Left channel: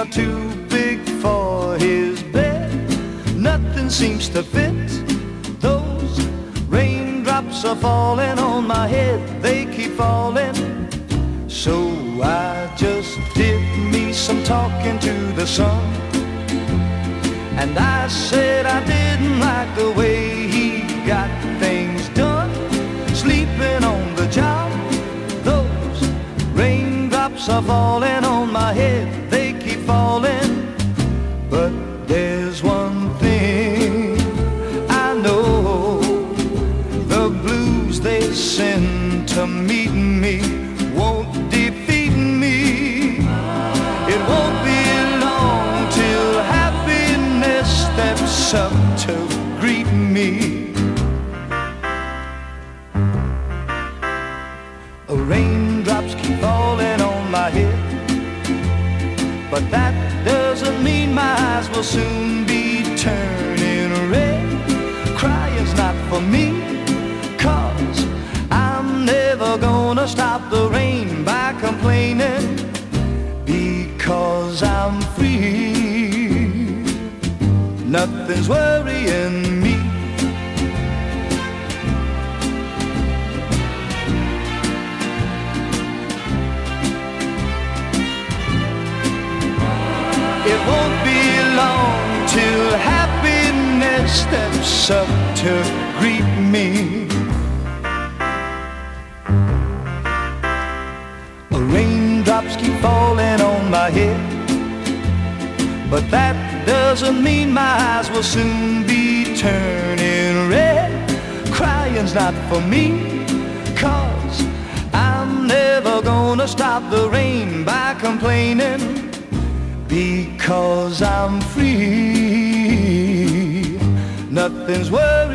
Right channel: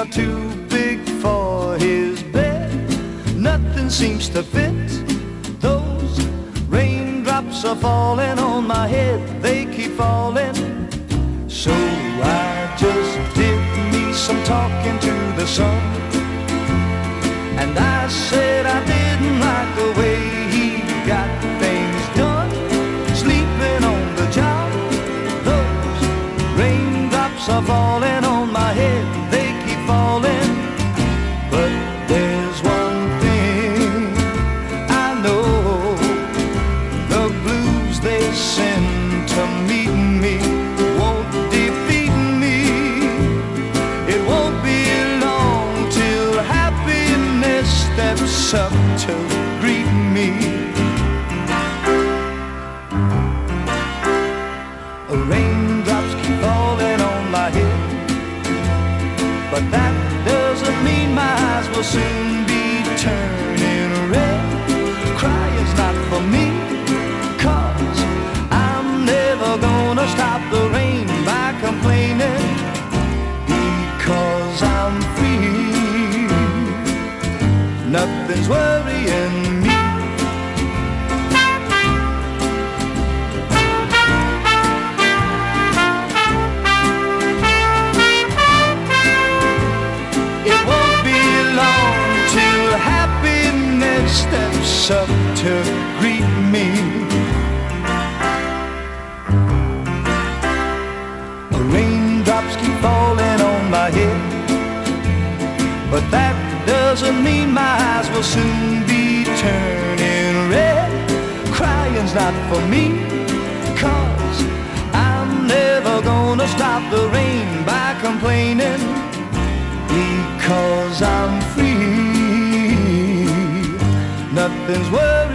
are too big for his bed. Nothing seems to fit. Those raindrops are falling on my head. They keep falling. So I just did me some talking to the sun. And I said I didn't like the way he got things done. Sleeping on the job. Those raindrops are falling on my head. They keep falling. But there's one thing I know. The blues they send to meet me won't defeat me. It won't be long till happiness steps up to greet me. Raindrops keep falling on my head, but that doesn't mean my eyes will soon be turning red. Crying's not for me, 'cause I'm never gonna stop the rain by complaining, because I'm free. Nothing's worrying me. It won't be long till happiness steps up to greet me. Raindrops keep falling on my head, but that doesn't mean my eyes will soon be turning red. Crying's not for me, 'cause I'm never gonna stop the rain by complaining, because I'm free. Nothing's worth